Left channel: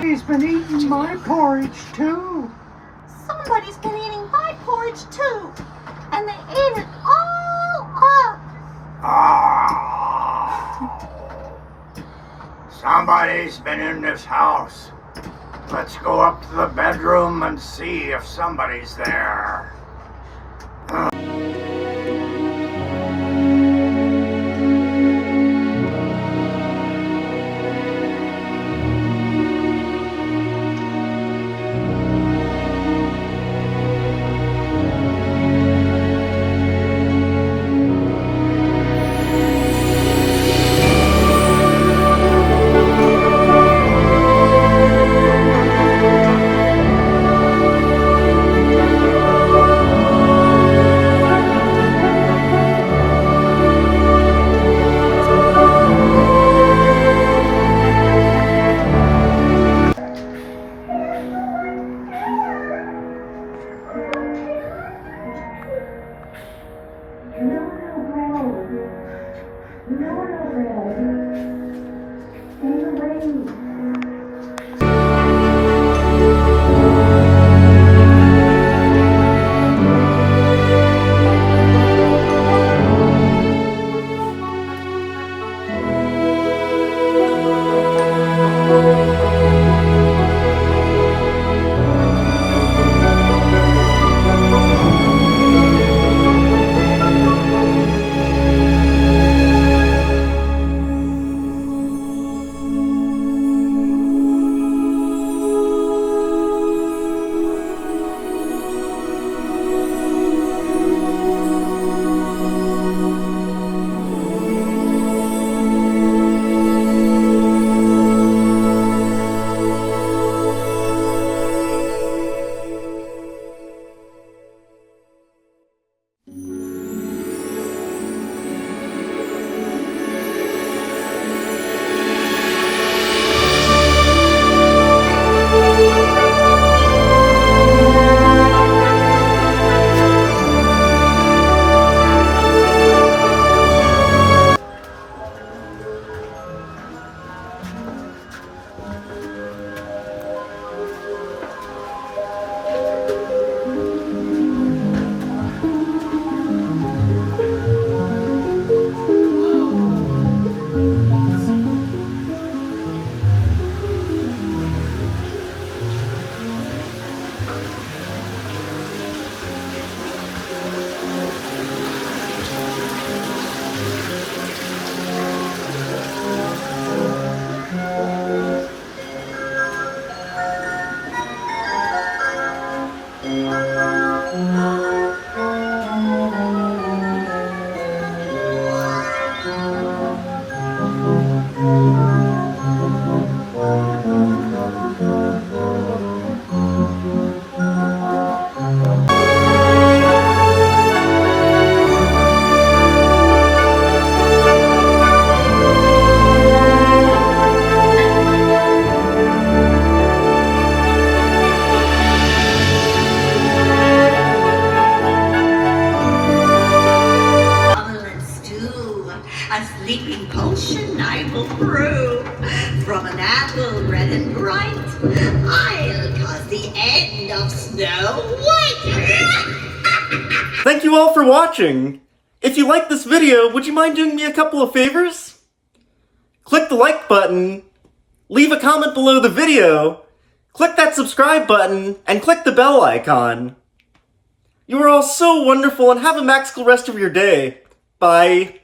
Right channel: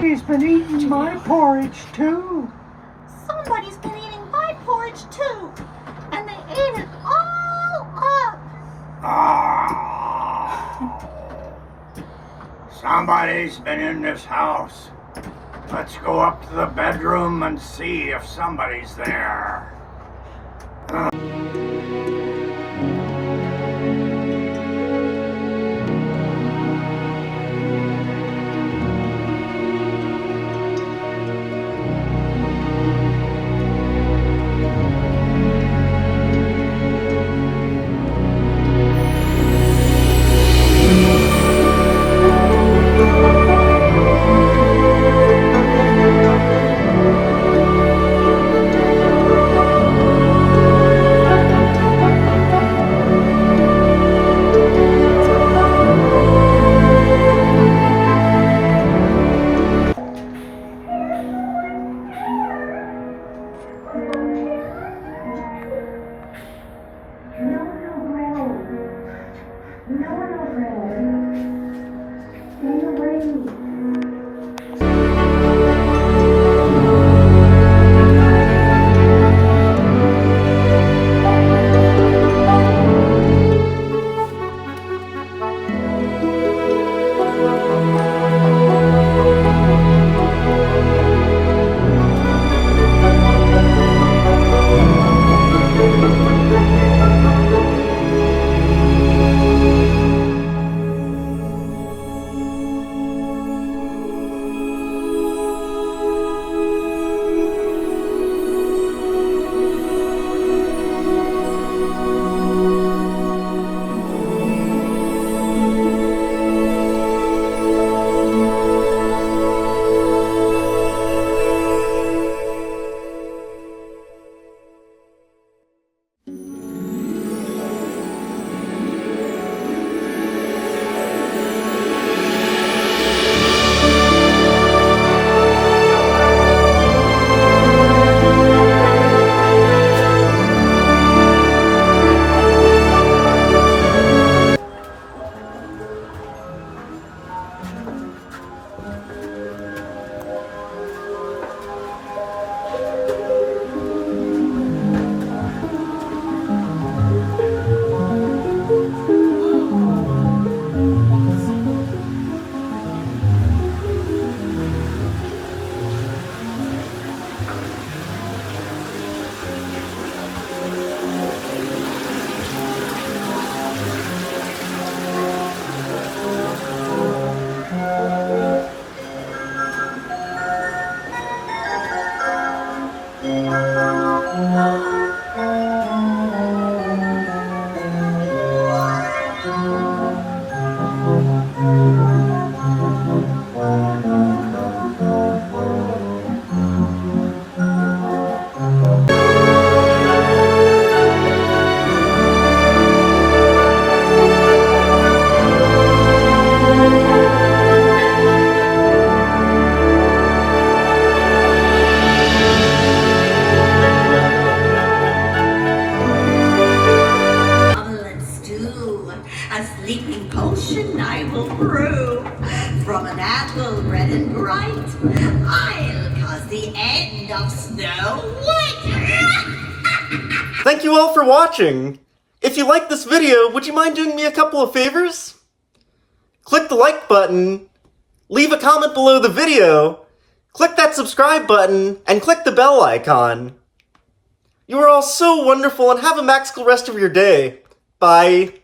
He's been eating my porridge too. Somebody's been eating my porridge too. And they ate it all up. Somebody's been in this house. Let's go up to the bedroom and see if somebody's there. Thank you all for watching! If you liked this video, would you mind doing me a couple of favors? Click the like button, leave a comment below the video, Click that subscribe button and click the bell icon. You are all so wonderful and have a magical rest of your day. Bye.